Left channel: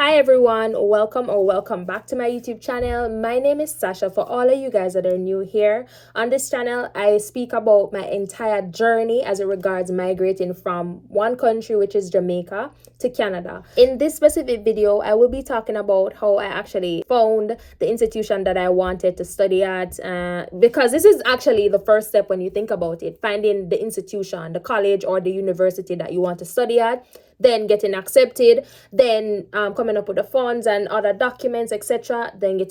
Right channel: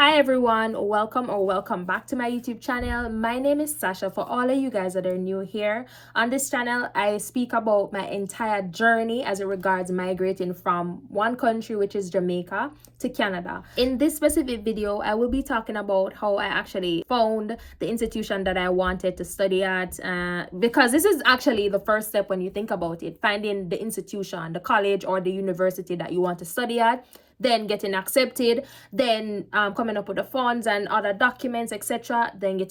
Hi everyone, welcome back to my YouTube channel. My name is Sasha. For all of you guys that are new here on this channel, I speak about my entire journey as it regards migrating from one country, which is Jamaica, to Canada. In this specific video, I will be talking about how I actually found the institution that I wanted to study at, because this is actually the first step when you think about it, finding the institution, the college or the university that you want to study at, then getting accepted, then coming up with the funds and other documents, etc., then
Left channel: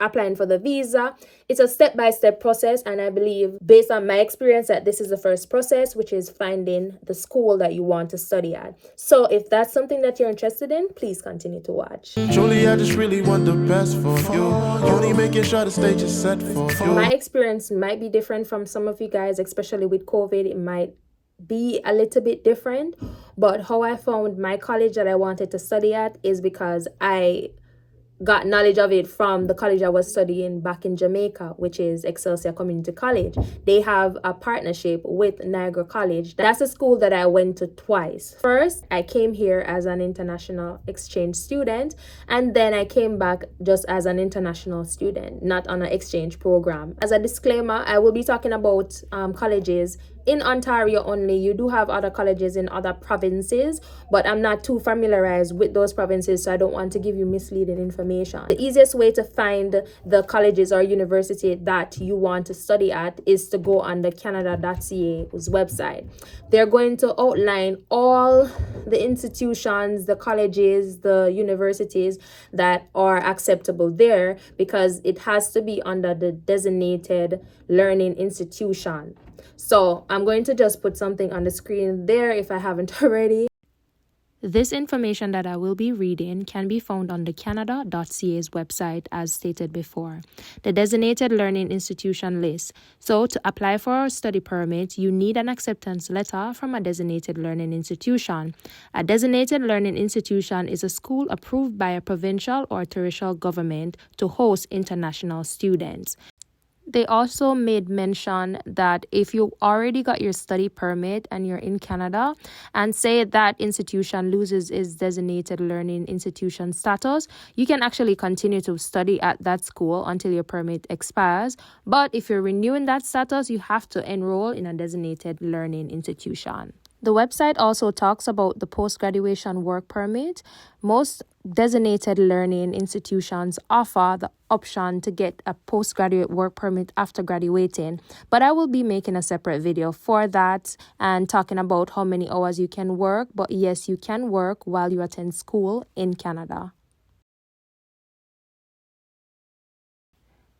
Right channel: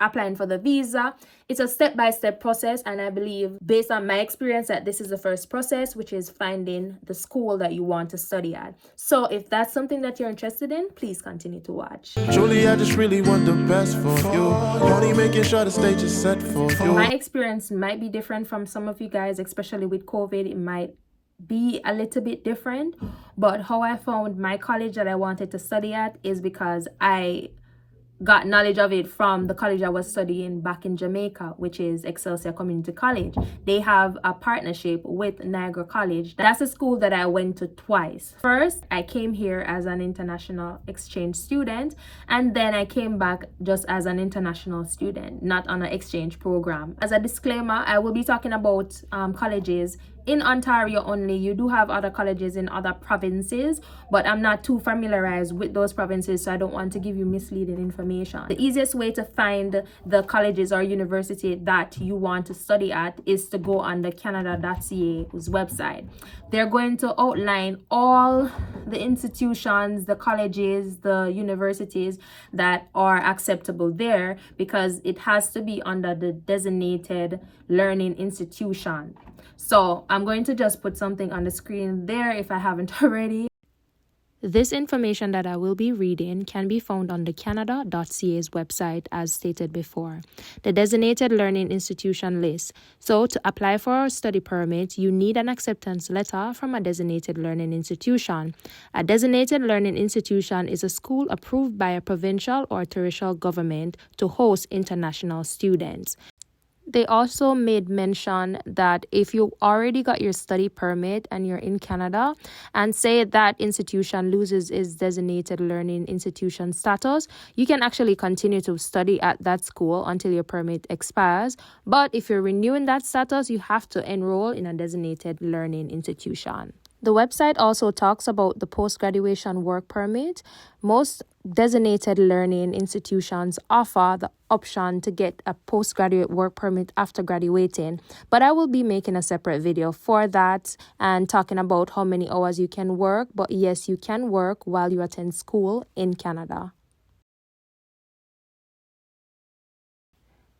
applying for the visa. It's a step-by-step process, and I believe, based on my experience, that this is the first process, which is finding the school that you want to study at. So if that's something that you're interested in, please continue to watch. Julie, I just really want the best for you. Only making sure the stage is set for you. My experience might be different from some of you guys, especially with COVID. It might be a little bit different, but how I found my college that I wanted to study at is because I got knowledge of it from the college I was studying back in Jamaica, which is Excelsior Community College. They have a partnership with Niagara College. That's a school that I went to twice. First, I came here as an international exchange student, and then I came back just as an international student, not on an exchange program. As a disclaimer, I will be talking about colleges in Ontario only. You do have other colleges in other provinces, but I'm not too familiarized with those provinces, so I don't want to give you misleading information. The easiest way to find the colleges or university that you want to study at is to go on the canada.ca's website. They're going to outline all the institutions, the colleges, the universities that are acceptable there, because it has to be under the designated learning institution. So I'm going to just put something on the screen there if I haven't already. This information that I will be reading can be found on the canada.ca's website, as stated before. The designated learning institution list. So to apply for a study permit, you need an acceptance letter from a designated learning institution. A designated learning institution is a school approved by a provincial or terrestrial government to host international students. They also made mention that if you already got your study permit and you're in Canada, and say that institution loses its designated learning institution status, you can actually continue to study at that school until your permit expires. But if you're renewing that status, you have to enroll in a designated learning institution. The website also talks about the post-graduation work permit. Most designated learning institutions offer the option to get a postgraduate work permit after graduating, but I will be making a separate video for that and talking about how many hours you can work. But yes, you can work while you attend school in Canada.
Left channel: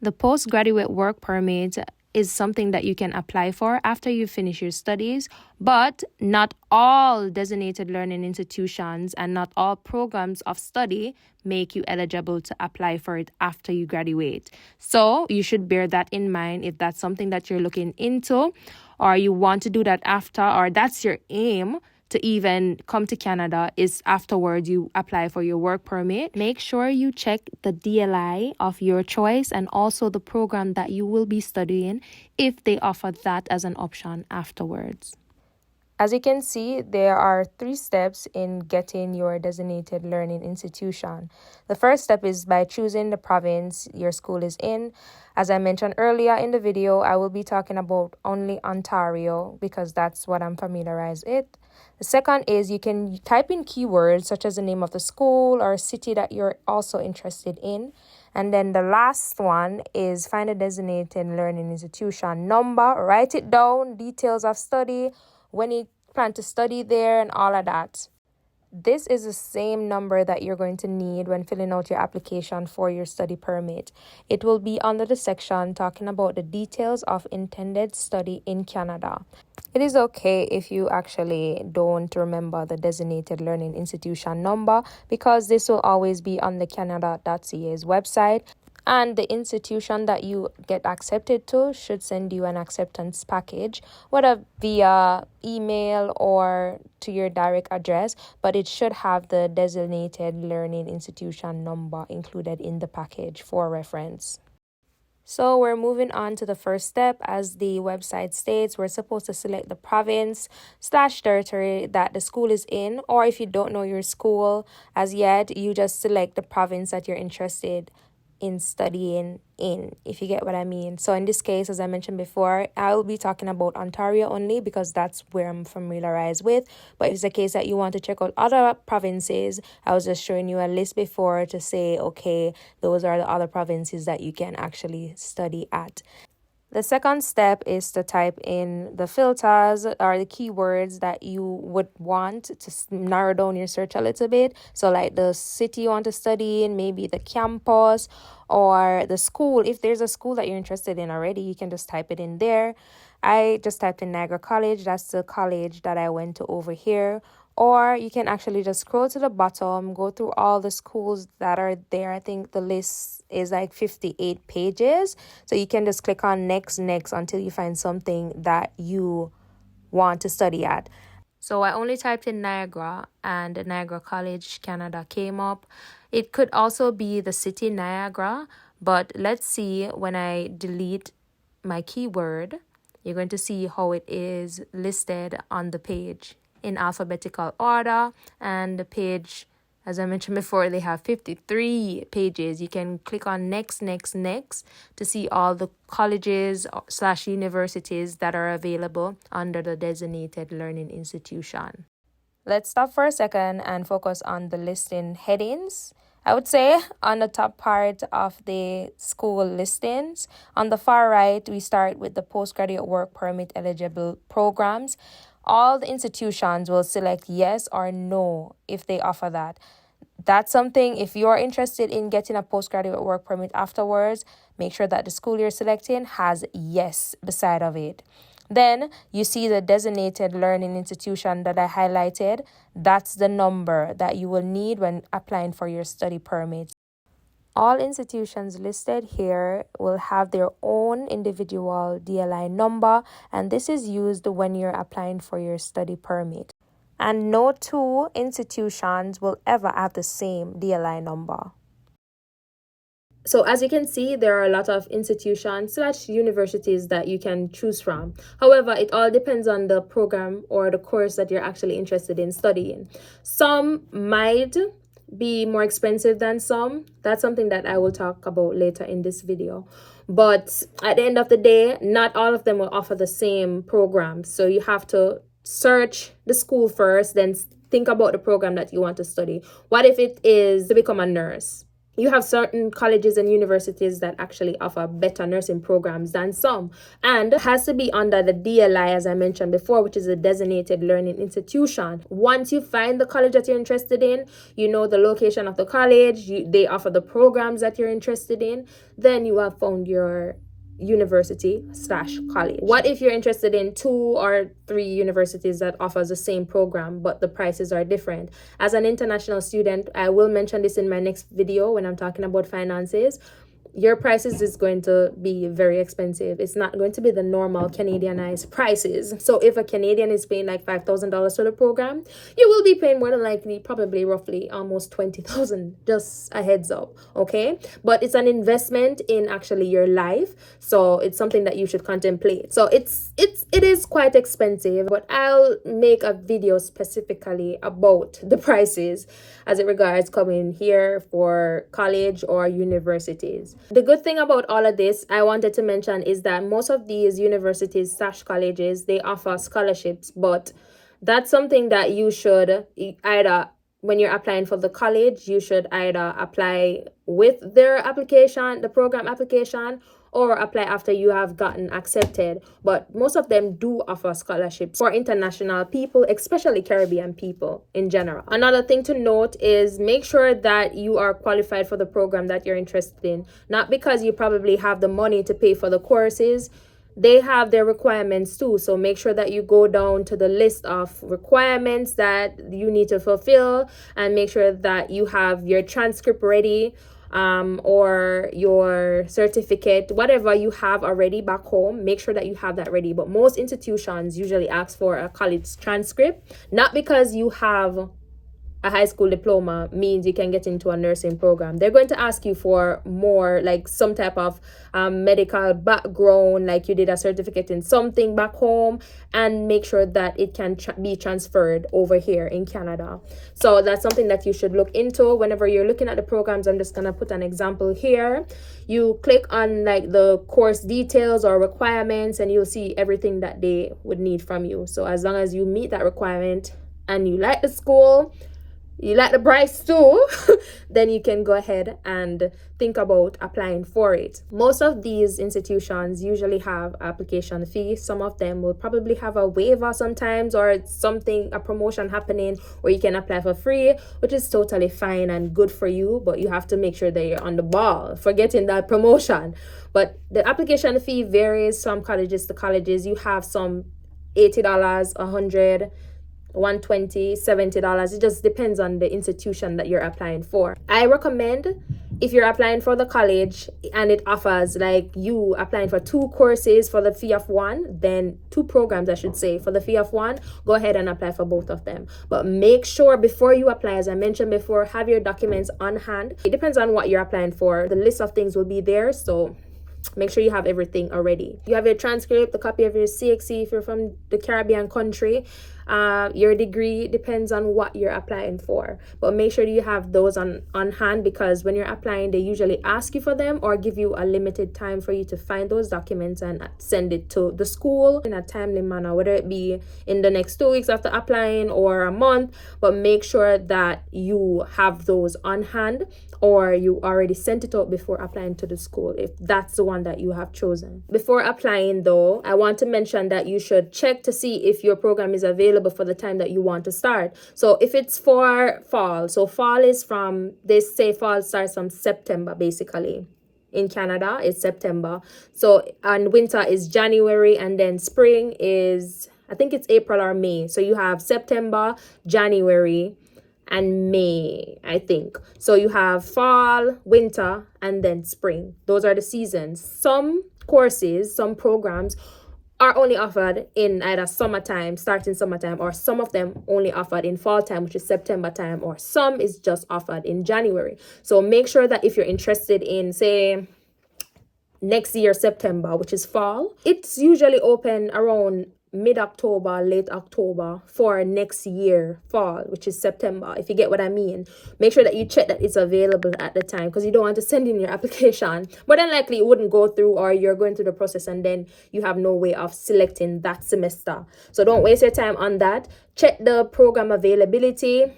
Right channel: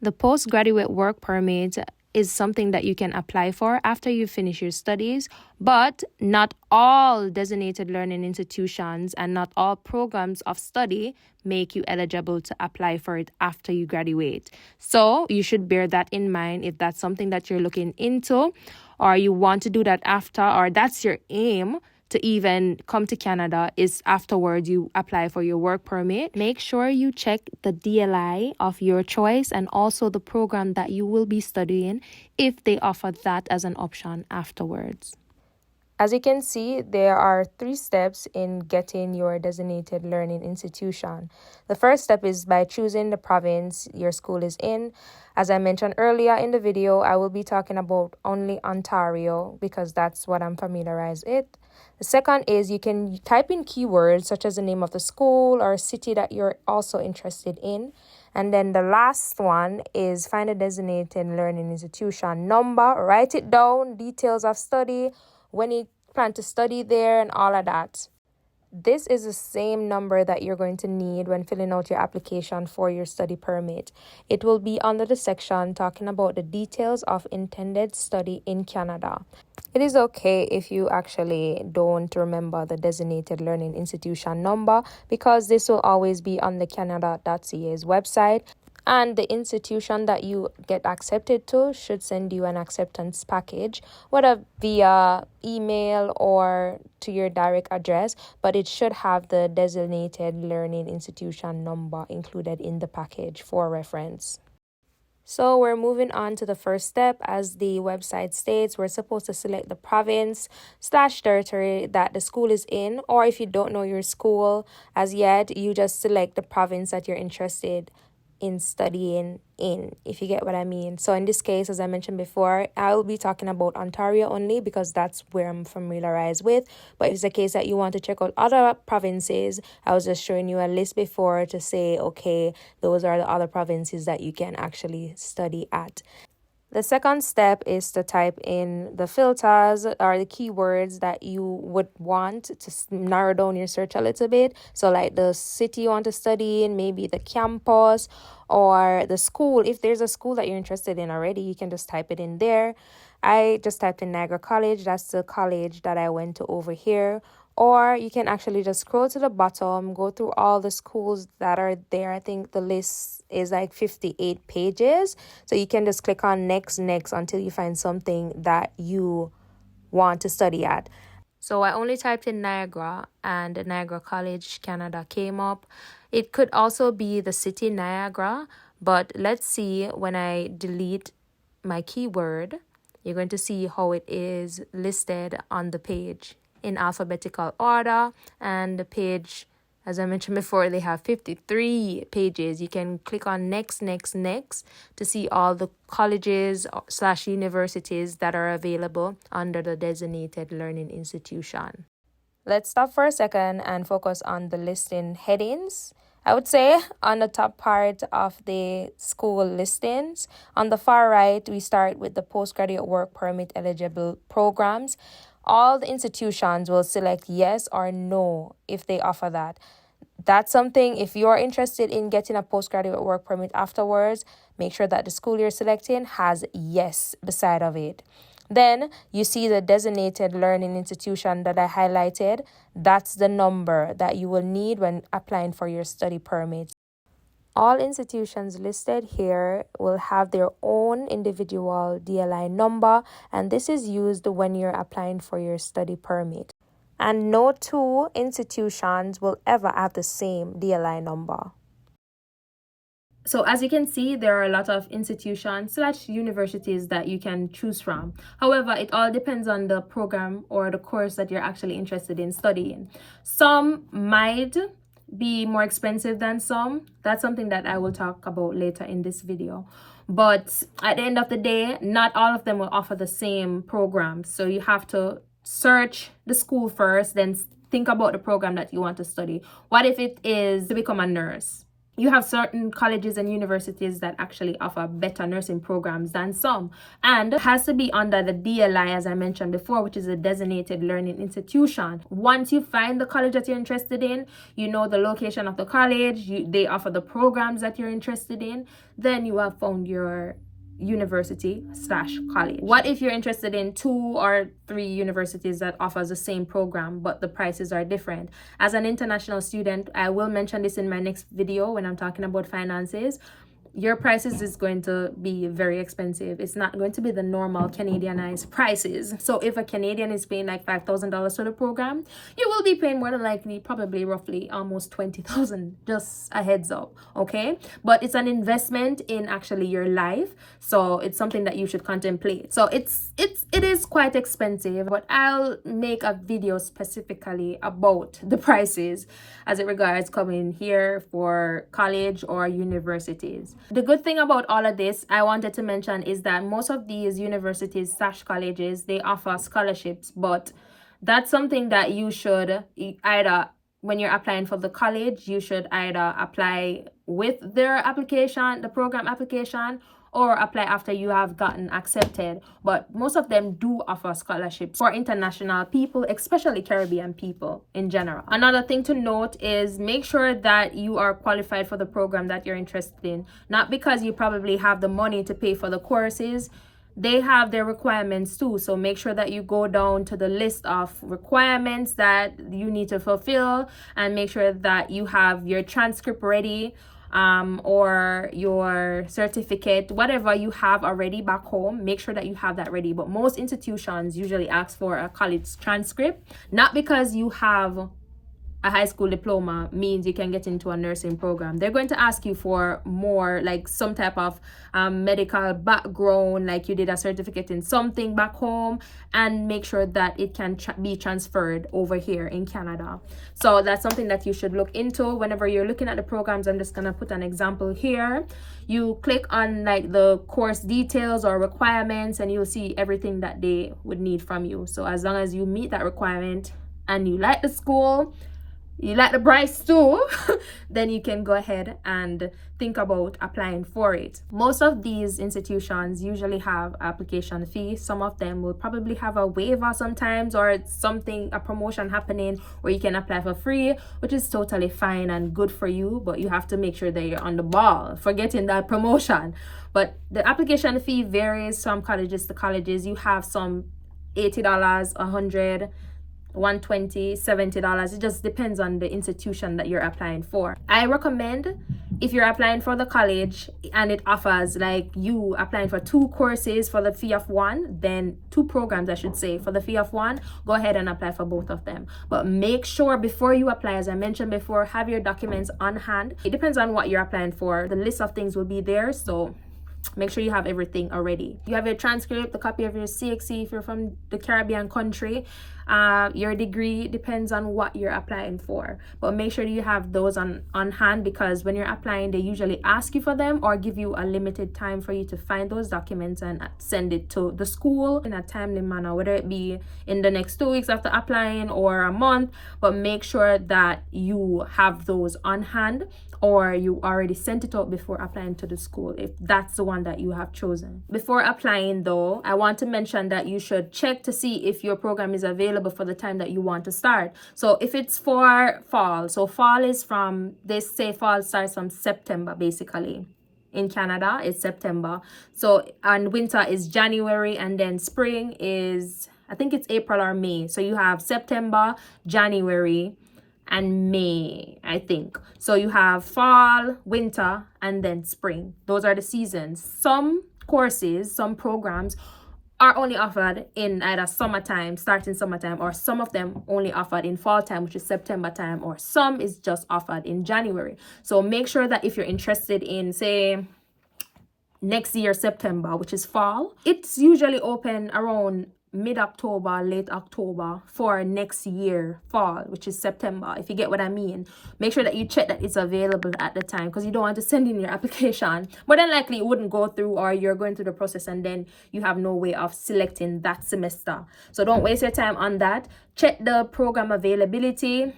The postgraduate work permit is something that you can apply for after you finish your studies, but not all designated learning institutions and not all programs of study make you eligible to apply for it after you graduate. So you should bear that in mind if that's something that you're looking into, or you want to do that after, or that's your aim to even come to Canada, is afterwards you apply for your work permit. Make sure you check the DLI of your choice and also the program that you will be studying if they offer that as an option afterwards. As you can see, there are 3 steps in getting your designated learning institution. The first step is by choosing the province your school is in. As I mentioned earlier in the video, I will be talking about only Ontario because that's what I'm familiarized with. The second is you can type in keywords such as the name of the school or city that you're also interested in. And then the last one is find a designated learning institution number, write it down, details of study, when you plan to study there and all of that. This is the same number that you're going to need when filling out your application for your study permit. It will be under the section talking about the details of intended study in Canada. It is okay if you actually don't remember the designated learning institution number, because this will always be on the canada.ca's website. And the institution that you get accepted to should send you an acceptance package, whether via email or to your direct address, but it should have the designated learning institution number included in the package for reference. So we're moving on to the first step. As the website states, we're supposed to select the province/territory that the school is in, or if you don't know your school as yet, you just select the province that you're interested in studying in, if you get what I mean. So in this case, as I mentioned before, I'll be talking about Ontario only because that's where I'm familiarized with. But if it's a case that you want to check out other provinces, I was just showing you a list before to say, okay, those are the other provinces that you can actually study at. The second step is to type in the filters or the keywords that you would want to narrow down your search a little bit. So like the city you want to study in, maybe the campus or the school. If there's a school that you're interested in already, you can just type it in there. I just typed in Niagara College. That's the college that I went to over here. Or you can actually just scroll to the bottom, go through all the schools that are there. I think the list is like 58 pages. So you can just click on next until you find something that you want to study at. So I only typed in Niagara and Niagara College, Canada came up. It could also be the city Niagara, but let's see when I delete my keyword, you're going to see how it is listed on the page in alphabetical order, and the page, as I mentioned before, they have 53 pages. You can click on next to see all the colleges/universities that are available under the designated learning institution. Let's stop for a second and focus on the listing headings. I would say on the top part of the school listings, on the far right, we start with the postgraduate work permit eligible programs. All the institutions will select yes or no if they offer that. That's something, if you're interested in getting a postgraduate work permit afterwards, make sure that the school you're selecting has yes beside of it. Then you see the designated learning institution that I highlighted. That's the number that you will need when applying for your study permit. All institutions listed here will have their own individual DLI number, and this is used when you're applying for your study permit. And no two institutions will ever have the same DLI number. So as you can see, there are a lot of institutions/universities that you can choose from. However, it all depends on the program or the course that you're actually interested in studying. Some might be more expensive than some. That's something that I will talk about later in this video. But at the end of the day, not all of them will offer the same program. So you have to search the school first, then think about the program that you want to study. What if it is to become a nurse? You have certain colleges and universities that actually offer better nursing programs than some, and it has to be under the DLI, as I mentioned before, which is a designated learning institution. Once you find the college that you're interested in, you know the location of the college, they offer the programs that you're interested in, then you have found your university/college. What if you're interested in 2 or 3 universities that offers the same program but the prices are different? As an international student, I will mention this in my next video when I'm talking about finances. Your prices is going to be very expensive. It's not going to be the normal Canadianized prices. So if a Canadian is paying like $5,000 for the program, you will be paying more than likely, probably roughly almost $20,000. Just a heads up, okay? But it's an investment in actually your life, so it's something that you should contemplate. So it is quite expensive, but I'll make a video specifically about the prices as it regards coming here for college or universities. The good thing about all of this I wanted to mention is that most of these universities/colleges, they offer scholarships, but that's something that you should either, when you're applying for the college, you should either apply with their application, the program application, or apply after you have gotten accepted. But most of them do offer scholarships for international people, especially Caribbean people in general. Another thing to note is make sure that you are qualified for the program that you're interested in. Not because you probably have the money to pay for the courses. They have their requirements too. So make sure that you go down to the list of requirements that you need to fulfill, and make sure that you have your transcript ready, or your certificate, whatever you have already back home. Make sure that you have that ready. But most institutions usually ask for a college transcript, not because you have a high school diploma means you can get into a nursing program. They're going to ask you for more, like some type of medical background, like you did a certificate in something back home, and make sure that it can be transferred over here in Canada. So that's something that you should look into whenever you're looking at the programs. I'm just gonna put an example here. You click on like the course details or requirements, and you'll see everything that they would need from you. So as long as you meet that requirement and you like the school, you like the price too, then you can go ahead and think about applying for it. Most of these institutions usually have application fee. Some of them will probably have a waiver sometimes, or something, a promotion happening where you can apply for free, which is totally fine and good for you, but you have to make sure that you're on the ball for getting that promotion. But the application fee varies from colleges to colleges. You have some $80, $100, $120, $70. It just depends on the institution that you're applying for. I recommend, if you're applying for the college and it offers like you applying for 2 courses for the fee of 1, then 2 programs I should say for the fee of 1, go ahead and apply for both of them. But make sure before you apply, as I mentioned before, have your documents on hand. It depends on what you're applying for. The list of things will be there, so make sure you have everything already. You have your transcript, a copy of your CXC if you're from the Caribbean country. Your degree depends on what you're applying for, but make sure you have those on hand, because when you're applying, they usually ask you for them or give you a limited time for you to find those documents and send it to the school in a timely manner, whether it be in the next 2 weeks after applying or a month. But make sure that you have those on hand, or you already sent it out before applying to the school, if that's the one that you have chosen. Before applying though, I want to mention that you should check to see if your program is available for the time that you want to start. So if it's for fall, so fall is from, they say fall starts from September basically. In Canada, it's September. So, and winter is January, and then spring is, I think it's April or May. So you have September, January, and May, I think. So you have fall, winter, and then spring. Those are the seasons. Some courses, some programs are only offered in either summertime, starting summertime, or some of them only offered in fall time, which is September time, or some is just offered in January. So make sure that if you're interested in, say, next year September, which is fall, it's usually open around mid-October, late October for next year fall, which is September, if you get what I mean. Make sure that you check that it's available at the time, because you don't want to send in your application. More than likely it wouldn't go through, or you're going through the process and then you have no way of selecting that semester. So don't waste your time on that. Check the program availability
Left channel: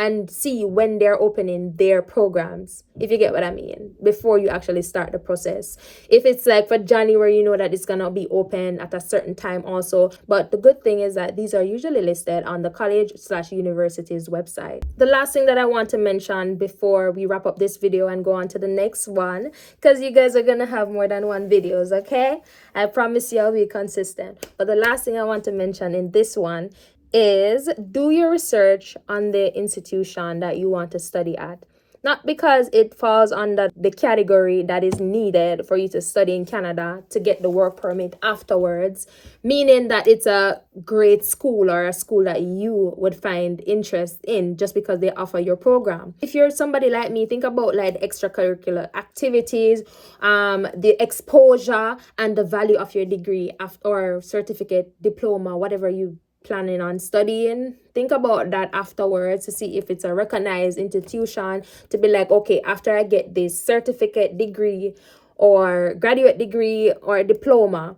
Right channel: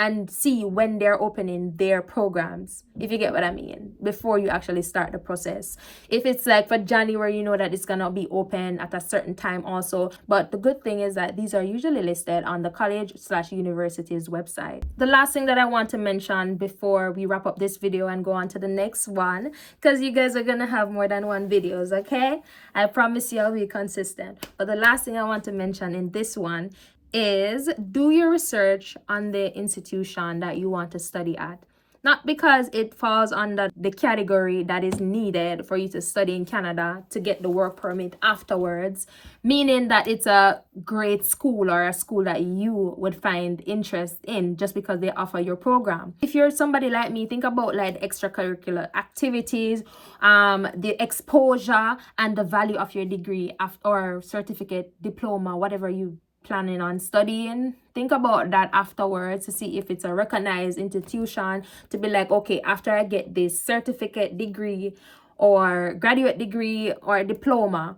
and see when they're opening their programs, if you get what I mean, before you actually start the process. If it's like for January, you know that it's gonna be open at a certain time also. But the good thing is that these are usually listed on the college/university's website. The last thing that I want to mention before we wrap up this video and go on to the next one, because you guys are gonna have more than one videos, okay? I promise you I'll be consistent. But the last thing I want to mention in this one is do your research on the institution that you want to study at. Not because it falls under the category that is needed for you to study in Canada to get the work permit afterwards, meaning that it's a great school or a school that you would find interest in just because they offer your program. If you're somebody like me, think about like extracurricular activities, the exposure and the value of your degree or certificate, diploma, whatever you planning on studying. Think about that afterwards to see if it's a recognized institution, to be like, okay, after I get this certificate, degree, or graduate degree or diploma,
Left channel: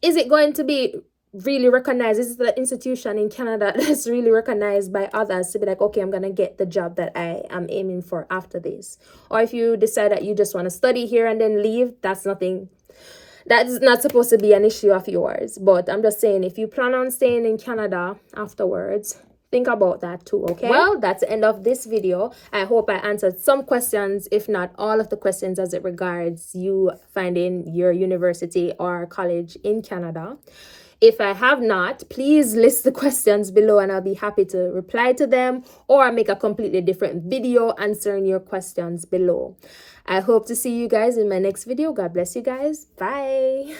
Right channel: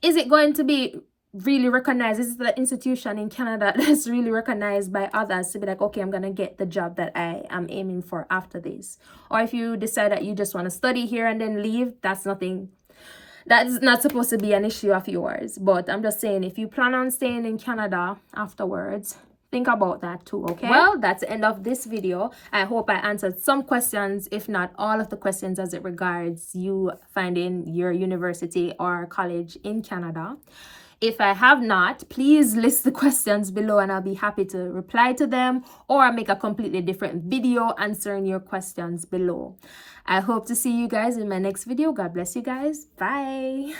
is it going to be really recognized? Is it the institution in Canada that's really recognized by others to be like, okay, I'm gonna get the job that I am aiming for after this? Or if you decide that you just want to study here and then leave, that's not supposed to be an issue of yours. But I'm just saying, if you plan on staying in Canada afterwards, think about that too, okay? Well, that's the end of this video. I hope I answered some questions, if not all of the questions, as it regards you finding your university or college in Canada. If I have not, please list the questions below and I'll be happy to reply to them, or make a completely different video answering your questions below. I hope to see you guys in my next video. God bless you guys. Bye.